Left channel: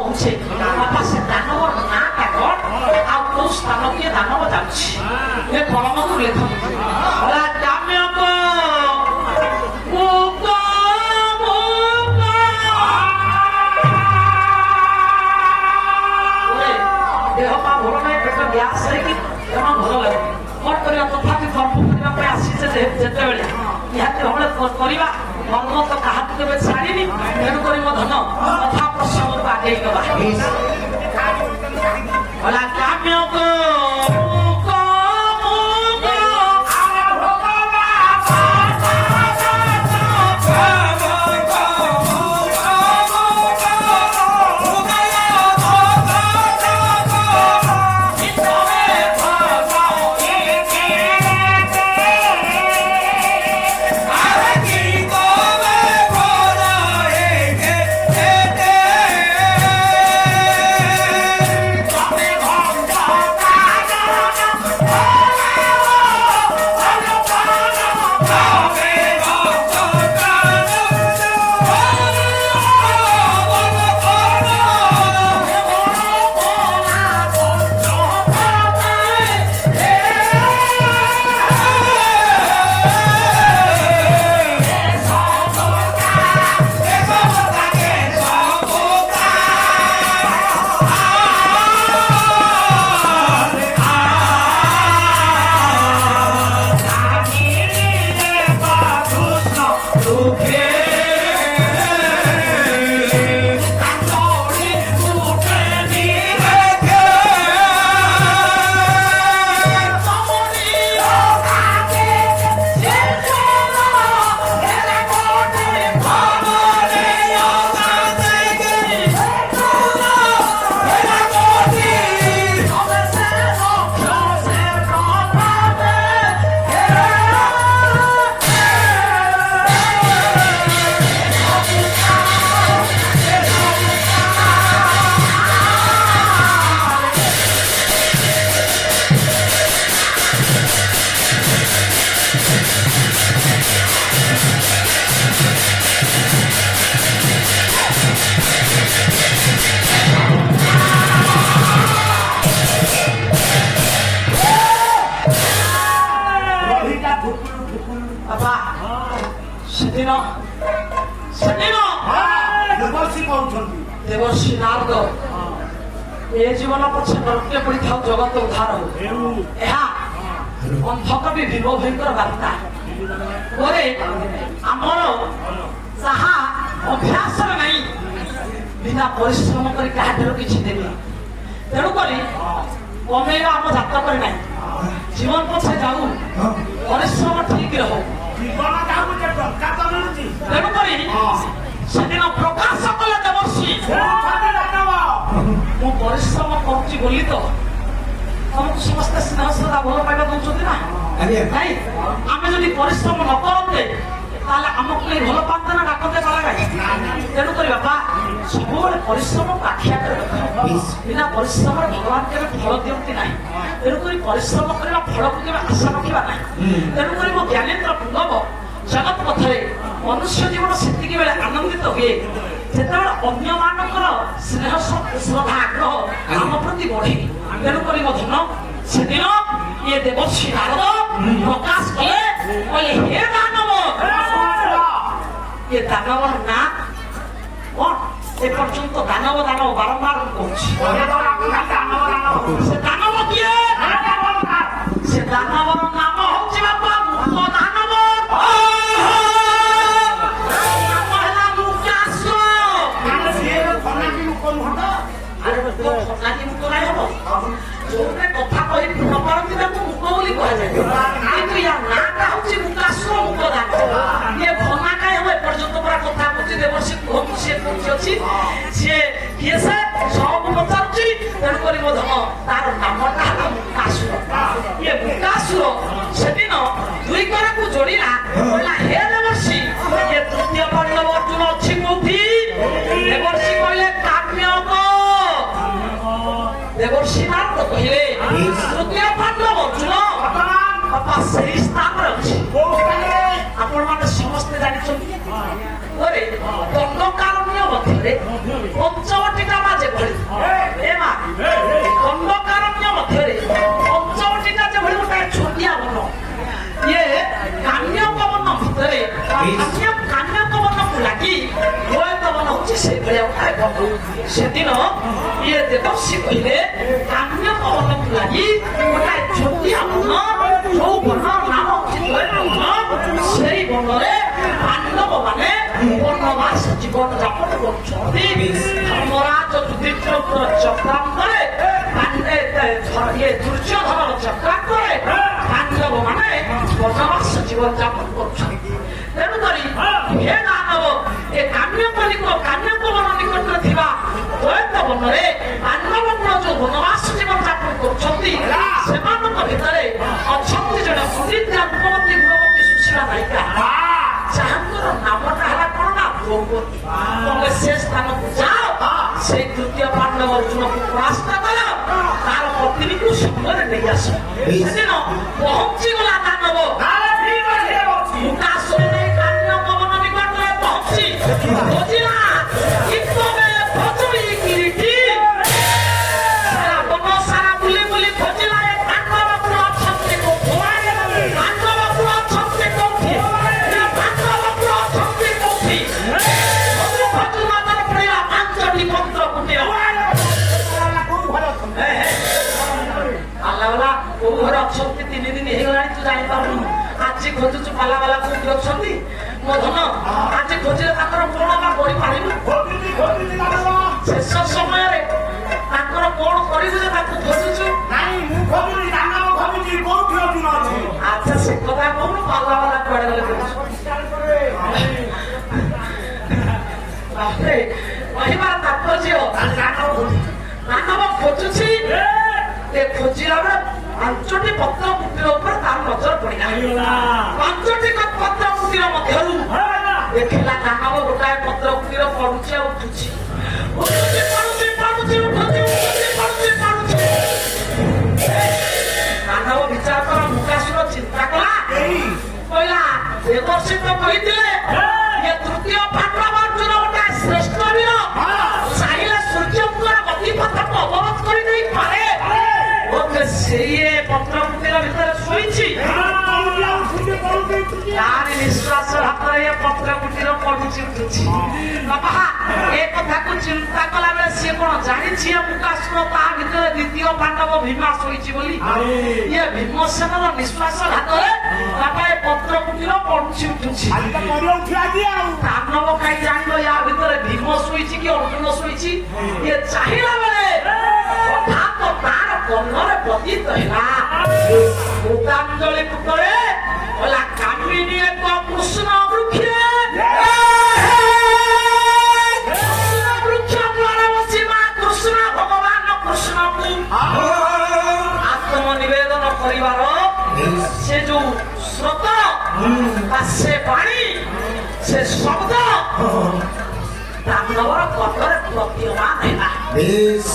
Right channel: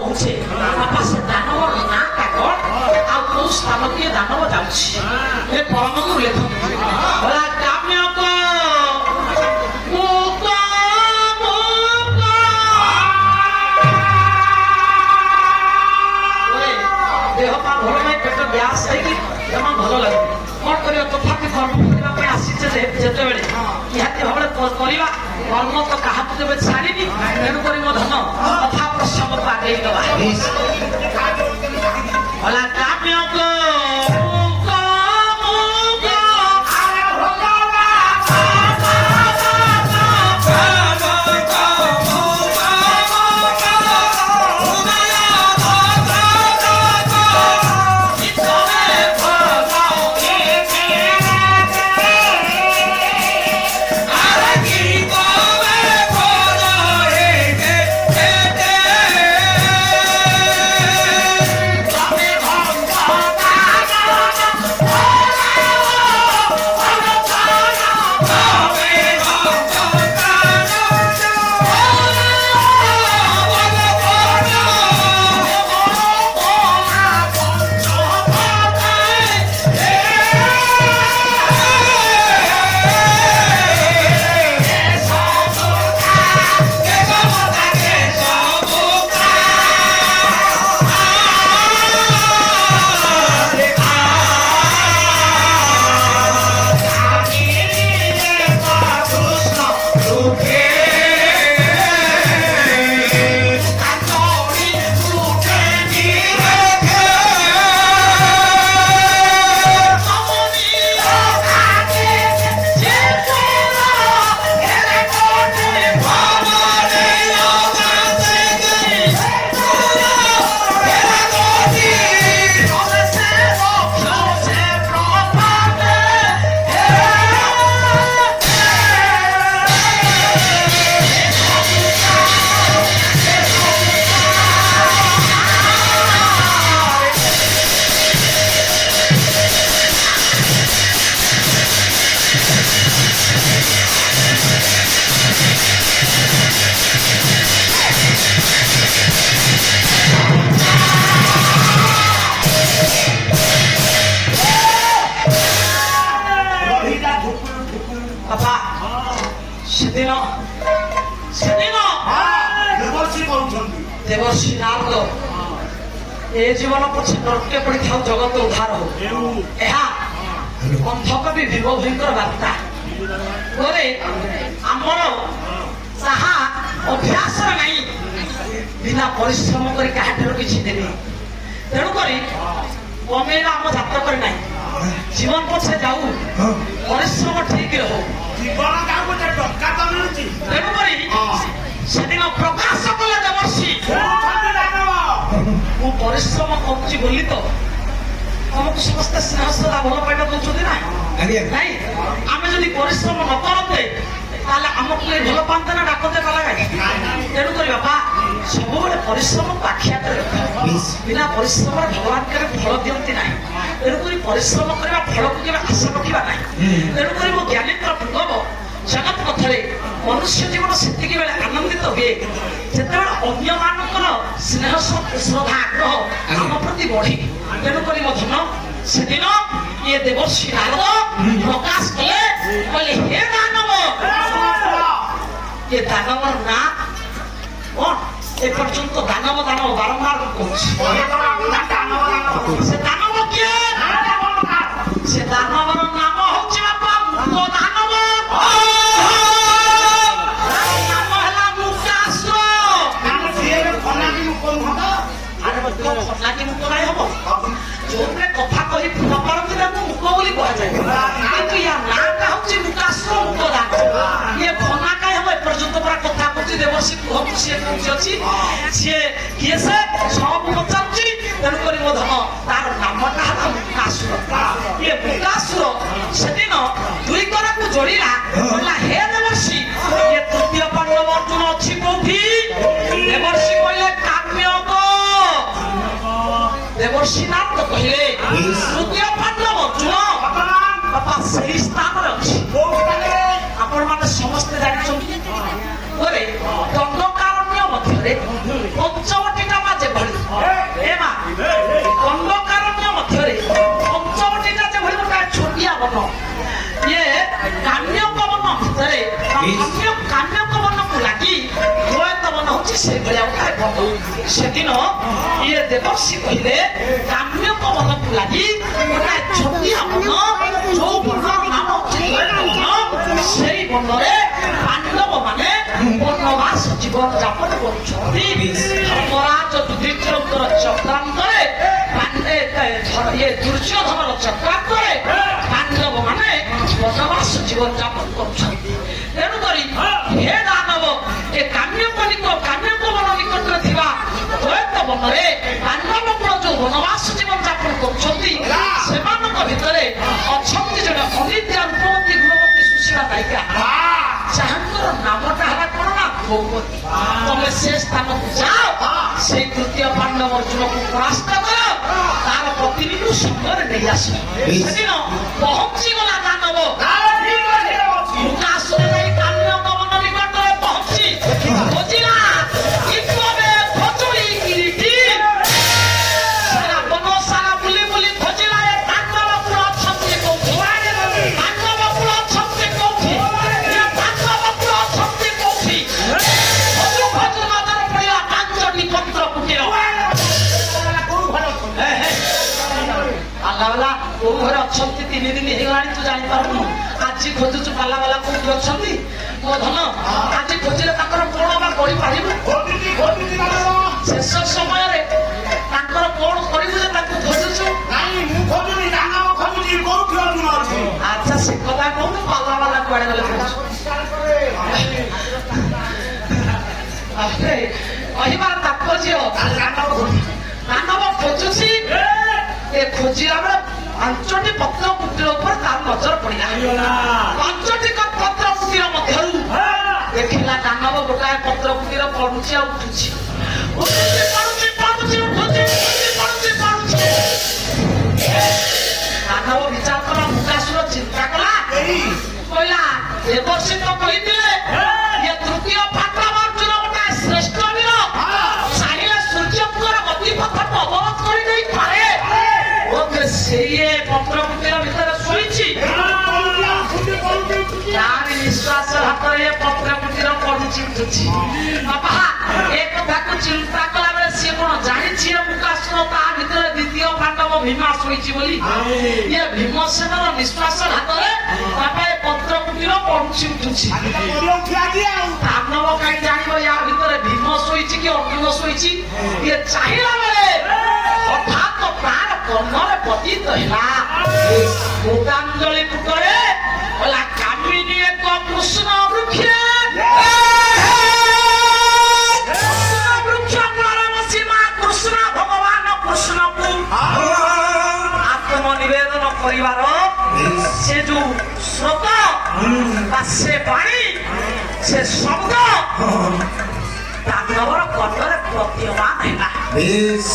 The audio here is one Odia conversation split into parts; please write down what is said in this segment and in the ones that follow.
କହୁଛି ବାପା ସେ ଦାନବ ନାଁଟା କଣ ଆଉ କୋଉ ସ୍ଥାନଟିଏ ଦାନବ ଯାଉଛି ଏ ପରମକୁ ଲେଖନ୍ତୁ ଦେହ ପା ଭଲ ନାହିଁ ପେଟ ଗ୍ୟାସ୍ ହେଇକି ଜମା ଭଲ ଲାଗୁନି କଣ କରିବା ତଥାପି କର୍ମ କରିବା ପାଇଁ ଆସିଛେ ଯେତେବେଳେ ନିହାତି ଭାବରେ କରିବା କର୍ମ ତ କାହାକୁ ଦେବେ ଛାଡ଼ିନି ତେଣୁ କରି ମୋ ଧନ କଥା ପ୍ରସଙ୍ଗକୁ ଆଗେଇ ଗଲା देवर्षि नारद ए जीवन पछे प्रत्ये पड़िथाउ जगत उद्धार हो अंधकवि विभोधीकर बार्ता बोले आमर जहा अभ्यास नहीं बिना परिश्रम कर किसी देनी तेणुक कमेवा आम जातक ना जीवन पछे जाऊ परिश्रम ठीक रहो तेणुक से दिन प्रकाश कले देवर्षि मु परिश्रम करुच्ची बोली तो तुमको समस्त स्नेह श्रद्धा भल पाइबा दौरान ना नहीं आम जब परिश्रम न करते आमको ये भल पाते ना डाकते पाला तेणुक बापा सब परिश्रम आखिया बिना परिश्रम भगवान के फल दिखती ना तेणुक परिश्रम करवा फल को केवल आशा रखा ना तेणुक मो ज्ञानेन्द्र पुंगव जगत कथरे मनुष्य जीवन से आनंदित हुए जिते अन्य मानकर स्नेह श्रद्धा आग्रह आम प्रति बढ़ी तेणुक धन से दिन ये देवर्षि नारद प्रकाश कले कहले हे दानव ये दानव ना कौन ए पर्यंत दानव दानव बारंबार कहूँ से दानव किए से दानव नाम हूँ बापा दानव कथा कही पारती मुख बोली कहुए कि या नाटा हूँ मुकाश्र मुक्तदान ये भना कहीं हम एपर्यंत पूरा कथा कही देवर्षि कहूँ सी अच्छी सी किए से सब पचारुची तेणुक धन तार नामटा है मुकासुर ये मुकासुर से दिन दुई कर को जोड़ा हे देवर्षि ये तृतीय पांडव अर्जुन अच्छी कौटी देवर्षि कहले देवर्षि नारद कहले तृतीय पांडव अर्जुन बापा सही स्थान अच्छी आपण माने समस्त जानिछन दंडकारण्य मध्य पंचवटिका ଅଛି ସେଇଭଳିଆ ଖାଇବ ସେଦିନ ଇଏ ଦେବର୍ଷି କହିଲେ କାମ୍ୟଙ୍କ ମନକୁ ଲାଗି ଗୋଟାଏ ଛୋଟିଆ ବନ ଯୋଉ ବନର ନାମ ସେଇ ବନରେ ପାଣ୍ଡବ ମାନେ ବନବାସ ଜୀବନ ଯାପନ କରୁଛନ୍ତି ମହାରାଜ ଯୁଧିଷ୍ଠିରଙ୍କର ଚକ୍ରାନ୍ତରେ ଦୁର୍ଯ୍ୟୋଧନର ଚକ୍ରାନ୍ତରେ ପାଣ୍ଡବ ମାନେ ବନବାସ ଜୀବନ ଯାପନ କରୁଛନ୍ତି ତେଣୁକରି ହେ ଦାନବ ଏ କାମ୍ୟଙ୍କ ବନ ନିକଟରେ ଥିବା ଦୈତ ବନରେ ପାଣ୍ଡବଙ୍କର ଯୋଉ ବନବାସ ଜୀବନ ଯାପନ କରୁଛନ୍ତି ସେମାନଙ୍କ ଭିତରେ ଅଛନ୍ତି ଜଣେ ଅନିଦ୍ରା ରୂପବତୀ ଗୁଣବତୀ ସୁଶୀଳା ନାୟିକା ଯାହାଙ୍କର ନାମଟା ହେଲା କଣ ନା ଦ୍ରୌପଦୀ ତମେ ସେ ସ୍ଥାନକୁ ଯାଅ ସେଇ ତୃତୀୟ ପାଣ୍ଡବର ଯୁବକୁ ପରାସ୍ତ କର ତାର ପତ୍ନୀକୁ ସାଙ୍ଗରେ ନେଇ ଆସ ସେଦିନ ପହଞ୍ଚି ଗଲା ଦାନବ ମୁକାସୁର ଯାଇ କାମ୍ୟଙ୍କ ବନ ନିକଟରେ ପହଞ୍ଚି ଖୋଜିଲା କିପବେ ଖୋଜୁଲି କିରିଟି ବନ ସାରା ବୁଲି ବୁଲି ଖୋଜିଲା ପାଣ୍ଡବ କୁଳ ଅଛନ୍ତି କୋଉଠି ପାଣ୍ଡବ କୁଳ ଅଛନ୍ତି କୋଉଠି ପାଣ୍ଡବ କୁଳ ଅଛନ୍ତି କୋଉଠି ଖୋଜୁ ଖୋଜୁ ନଜର ପଡ଼ିଲା ପାଞ୍ଚଟି ପତ୍ର କୁଟିର ଆଲ୍ଲା କୋଉ ଘରେ ଅଛନ୍ତି 3 ଦିନ ହେଇଗଲାଣି ତୁ ଜାଣିପାରୁନୁ ଆଜି ଖୋଜୁଛୁ ପାଲା ବାଲା କୋଉଠି ଅଛନ୍ତି ମୋ ଧନ ଆଜି ଖୋଜିଲେ ତାଙ୍କର କଣ ବା କରିପାରିବୁ ଶେଷ ସମୟରେ ତାଙ୍କର କଣ କରିବୁ ଯେ ତାଙ୍କୁ ଖୋଜୁଛୁ ଆଚ୍ଛା ସେ କଥା କହୁନୁ ପାଲା ବାଲା କୁଆଡେ ଗଲେ କହିବାର ତାତ୍ପର୍ଯ୍ୟ ମାନବ ଖୋଜୁଛି ଖୋଜିଲା ବେଳେ 5ଟି ପତ୍ର କୁଟୀର ଉପରେ ତାର ନଜର ପଡ଼ିଲା 5ଟି ପତ୍ର କୁଟୀର ମଧ୍ୟରୁ ଦେଖିଲା ଦାନବ ଗୋଟାଏ ପତ୍ର କୁଟୀର ପଡୁଛି ଆଉ ଉଠୁଛି ଦାନବ ବିଚାର କଲା ମୁକାସୁର ଚିନ୍ତା କଲା କହିଲା ଦେବର୍ଷି ତ କହିଥିଲେ ଏ ତୃତୀୟ ପାଣ୍ଡବ ଗୋଟାଏ ଶ୍ରେଷ୍ଠ ବୀର ଚାହିଁଲେ ସୂର୍ଯ୍ୟଙ୍କର ଗତିପଥକୁ ଅବରୋଧ କରିଦେଇପାରେ ସେଇ ପତ୍ର କୁଟୀର ଭିତରେ ଶୋଇଛି ତାରି ନିଶ୍ୱାସ ହାତରେ ପତ୍ର କୁଟୀର ପଡୁଛି ଉଠୁଛି ବାପା ଏ କଥାକୁ ଚିନ୍ତା କଲା ବେଳେ ସିଏ କଣ ଜାଣିଛି ମୁକାସୁର ତା ଭିତରେ ଦ୍ୱିତୀୟ ପାଣ୍ଡବ ଭୀମା ଶୋଇଛି ବୋଲି ଇଏ ଭୀମସେନର ନିଶ୍ୱାସ ହାତରେ ବାପା ଏ ପତ୍ର କୁଟୀର ପଡୁଛି ଉଠୁଛି ଦାନବ କାହିଁ ଜାଣିବ ୟା ଭିତରେ ଭୀମ ଶୋଇଛି କି ଅର୍ଜୁନ ଶୋଇଛି ଇଏ ଚାହିଁଲା ବେଳେ ହଠାତ୍ ତାର କର୍ଣ୍ଣରେ ପତିତ ହେଲା ମୁକାଞ୍ଜଳି ପୁଟରେ କହିଲା କାମିନୀ ଏକ କୃଷ୍ଣ ବୃକ୍ଷ ବୃକ୍ଷ ମୂଳରେ ବସି ମା କୃଷ୍ଣ ଭଗବାନ କୃଷ୍ଣକୁ ଆତ୍ମନିବେଦନ କରିବାର ସେ ଯୋଉ ସ୍ରୋତ ବା ସେ ବାଣୀ ସେ ଶବ୍ଦ ଦାନବର କର୍ଣ୍ଣରେ ପ୍ରତୀୟମାନ ହେଲା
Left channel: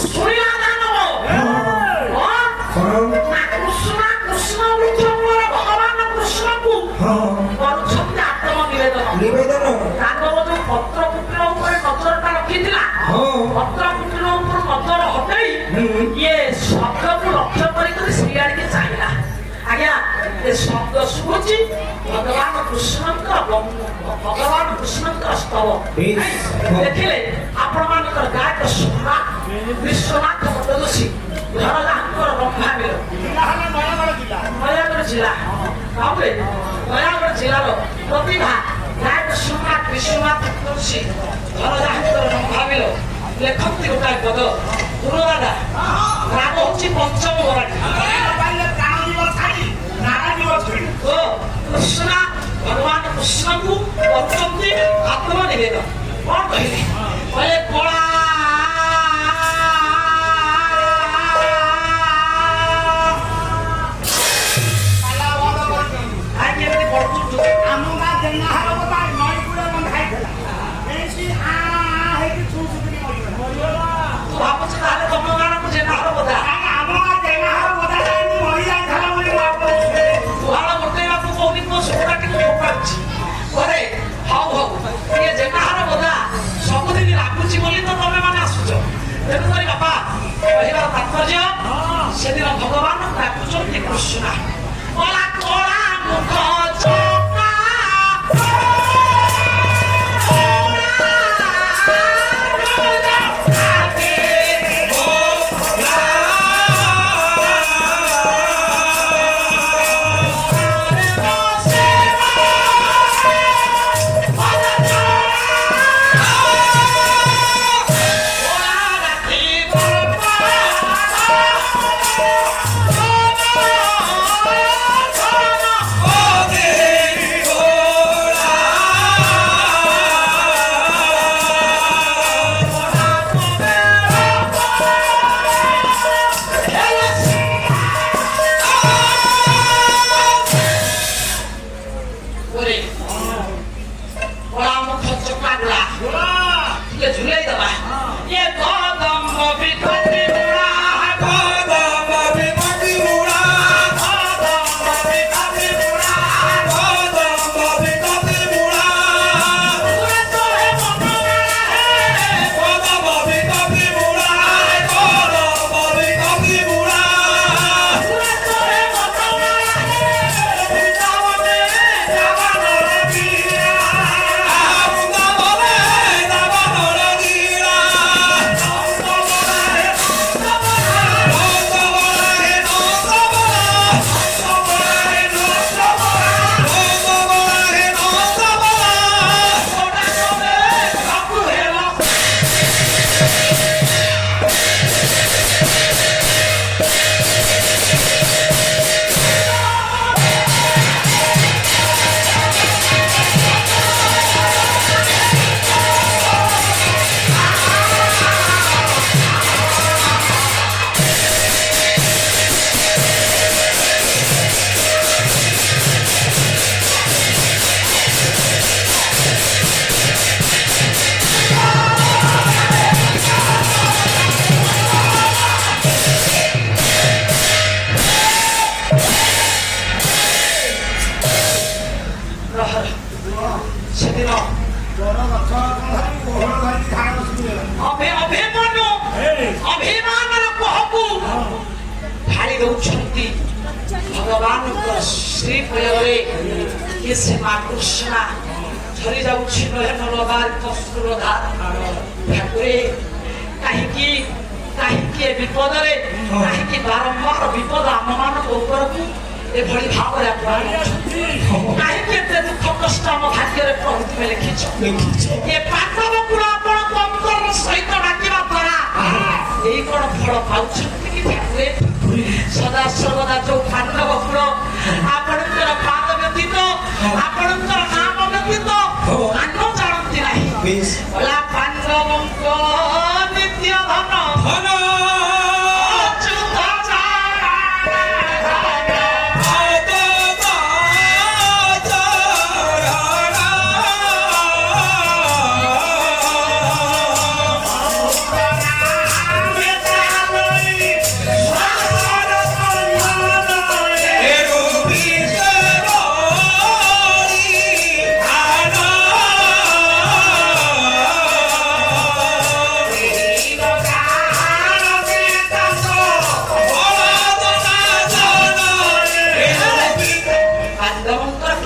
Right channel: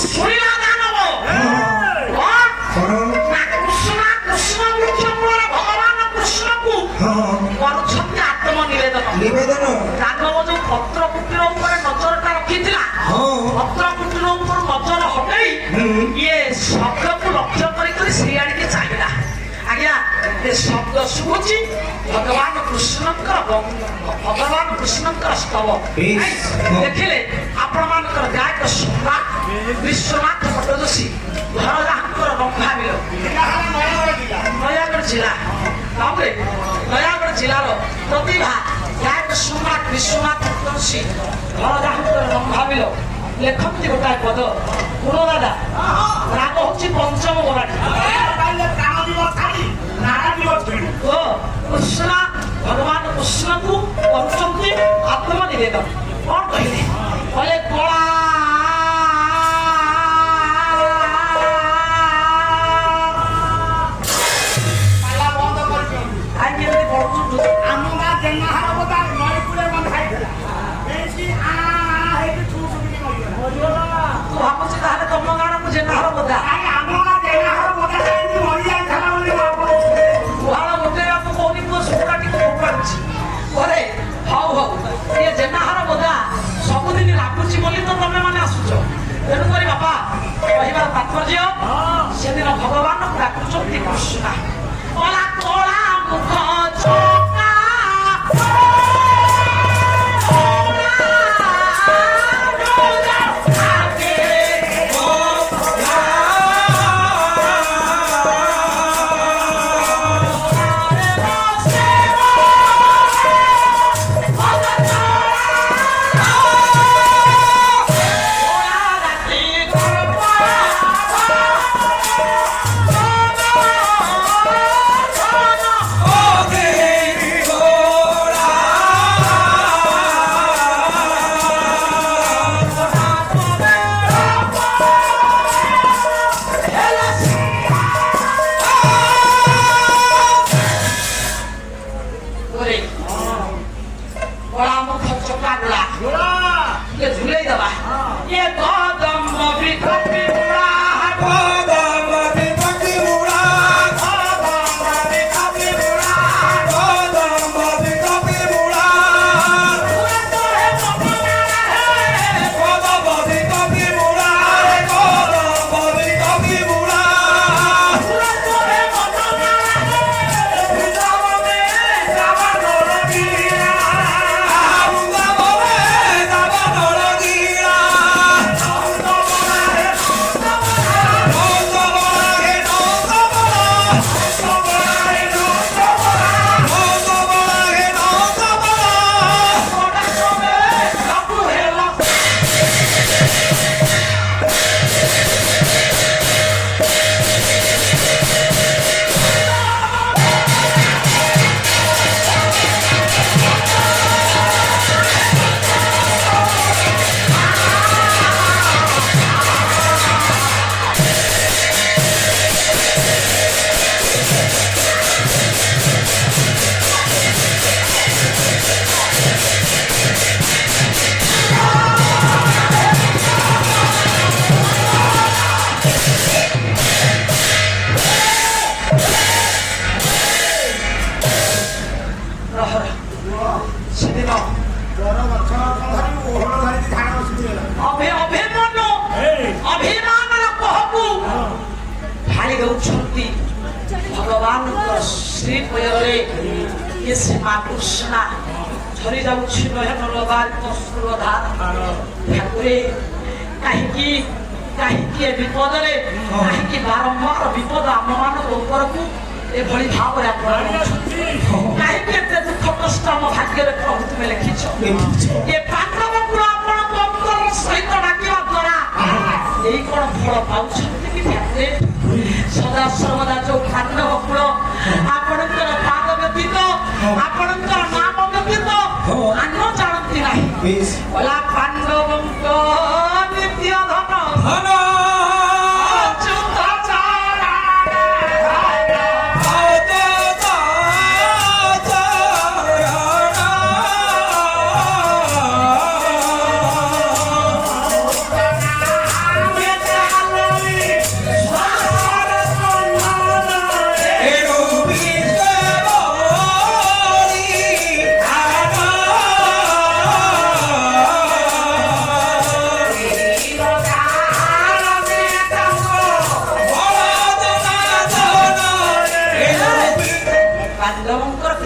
ଶୁଣିଲା ଦାନବ କୃଷ୍ଣ କୃଷ୍ଣ ବୃକ୍ଷ ମୂଳରେ ଭଗବାନ କୃଷ୍ଣକୁ କରୁଛନ୍ତି ଆତ୍ମନିବେଦନ ଦାନବ ଯୋଉ ପତ୍ର କୁଟୀର ଉପରେ ନଜରଟା ରଖିଥିଲା ପତ୍ର କୁଟୀର ଉପରୁ ନଜର ହଟେଇ ଇଏ ଶବ୍ଦକୁ ଲକ୍ଷ୍ୟ କରି ସେଇଆଡ଼ିକି ଚାହିଁଲା ଆଜ୍ଞା ଏ ଶବ୍ଦ ଶୁଭୁଛି ଭଗବାନ କୃଷ୍ଣଙ୍କର ସ୍ତବ ଦେଖିଲେ ଆପଣମାନଙ୍କର ଗାୟକ ସମ୍ରାଟ ବିଶ୍ୱନାଥ ଭଟ୍ଟ ଯୋଶୀ ଘର ଯାହାଙ୍କର ବ୍ରହ୍ମାବୀର ନୟାଗଡ଼ ଜିଲ୍ଲା ତାପରେ ନୟାଗଡ଼ ଜିଲ୍ଲାର ପ୍ରତିଭା ଗାୟକ ସମ୍ରାଟ ବିଶ୍ୱନାଥ ଭଟ୍ଟ ଯୋଶୀ ଘର ଯାହାଙ୍କର ବ୍ରହ୍ମାବୀର ଲେଖନ୍ତି ଗୋଟାଏ ପଦ ଗୁଣ ଦାଦା ରାଗ ହଉଛି ପଞ୍ଚମ ମରାଠୀ କୃଷ୍ଣ ଭଗବାନ କୃଷ୍ଣକୁ କରୁଛନ୍ତି ଆତ୍ମନିବେଦନ କଣ କହିଲେ କହିଲେ କଳା ଆମ ଗାଁ ଜେନାହାର କଥା ନଈ କୂଳେ ବନ୍ଧା ହେଇଥିଲା ଏମିତି ଭାବୁଛି ତାହେଲେ ତମ ଗାଁକୁ ଜେନାହାର ବୋଧା ଆମ ଗାଁ ଜେନାହାର ବୋଧା କେମିତି ମରିଯାଇଥିଲା ବୋଲି ଭାବୁଛି ଗୁହାଳ ଗୋଟେଇବାକୁ କହୁନି ମୋ ସୁଖଟା ଟିକେ ଫୋପାଡୁଛି ପରେ ହଉ ହଉ ଇଏ ଜେନାହାର ବୋଧା ସବୁଦିନ ଲାଗୁଛି ବୋଲି ତ ତମେ ମାନେ ଆସୁଛ ତେଣୁକରି ବାପା କହିବାର ତାତ୍ପର୍ଯ୍ୟ ସେଦିନ ଭଗବାନ ଡାକୁଛନ୍ତି କୃଷ୍ଣ କଳା କଳା ମୁଖ ଚକା ହେଉଛନ୍ତି ଭଗବାନଙ୍କ ଶ୍ରୀ କୋଳରେ ଏ ସେ ମା କୃଷ୍ଣା ଝରି ଯାଉଛି ନୟନର କସୁରଧା ଠାକୁରେ କାହିଁକି କାହିଁକି ଏ ବିପଦରେ କାହିଁକି ବାରମ୍ବାର ବିପଦ ଆମମାନଙ୍କ ଉପରକୁ ଏଭଳି ଭାବରେ ଆପଣ କାହିଁକି ଏତେ ଦୁଃଖ କଷ୍ଟ ଆମ ଭାଗ୍ୟରେ ପ୍ରଭୁ ତୁମେ ଲେଖିଛ ଏ ପାଣ୍ଡବକୁ ଆପଣଙ୍କ ଅନ୍ତର ସହିତ ଡାକିବା ଦ୍ୱାରା ଏଇ କଣ ଫଳ ପାଉଛନ୍ତି କି ଠାକୁରେ ସଦା ସର୍ବଦା ଯୋଉ ପାଣ୍ଡବ କୁଳ ଆପଣଙ୍କର ପାଦ ବ୍ୟତୀତ ଆପଣଙ୍କର ନାମ ବ୍ୟତୀତ ଆନ ଜାଣନ୍ତି ନାହିଁ ପାଣ୍ଡବଙ୍କ ନିତ୍ୟ ଧନ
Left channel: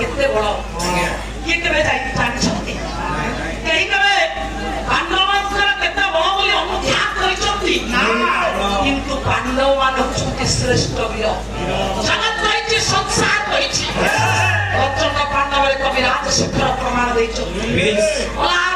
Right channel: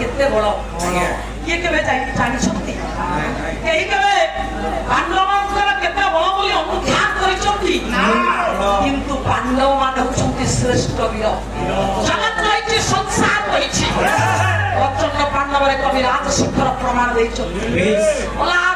କେତେ ବଳ କିଏ କେବେ ଜାଣିଛନ୍ତି କେହି କେବେ ପାଣ୍ଡବଙ୍କର କେତେ ବଳ ବୋଲି ଅନୁଧ୍ୟାନ କରିଛନ୍ତି କିନ୍ତୁ ପାଣ୍ଡବ ମାନେ ହେଉଛନ୍ତି ଶ୍ରେଷ୍ଠ ବୀର ଜଗତ କହିଛି ସଂସାର କହିଛି ପ୍ରଚଣ୍ଡ ପାଣ୍ଡବରେ କବି ରାଜଶେଖର ପ୍ରମାଣ ଦେଇଛନ୍ତି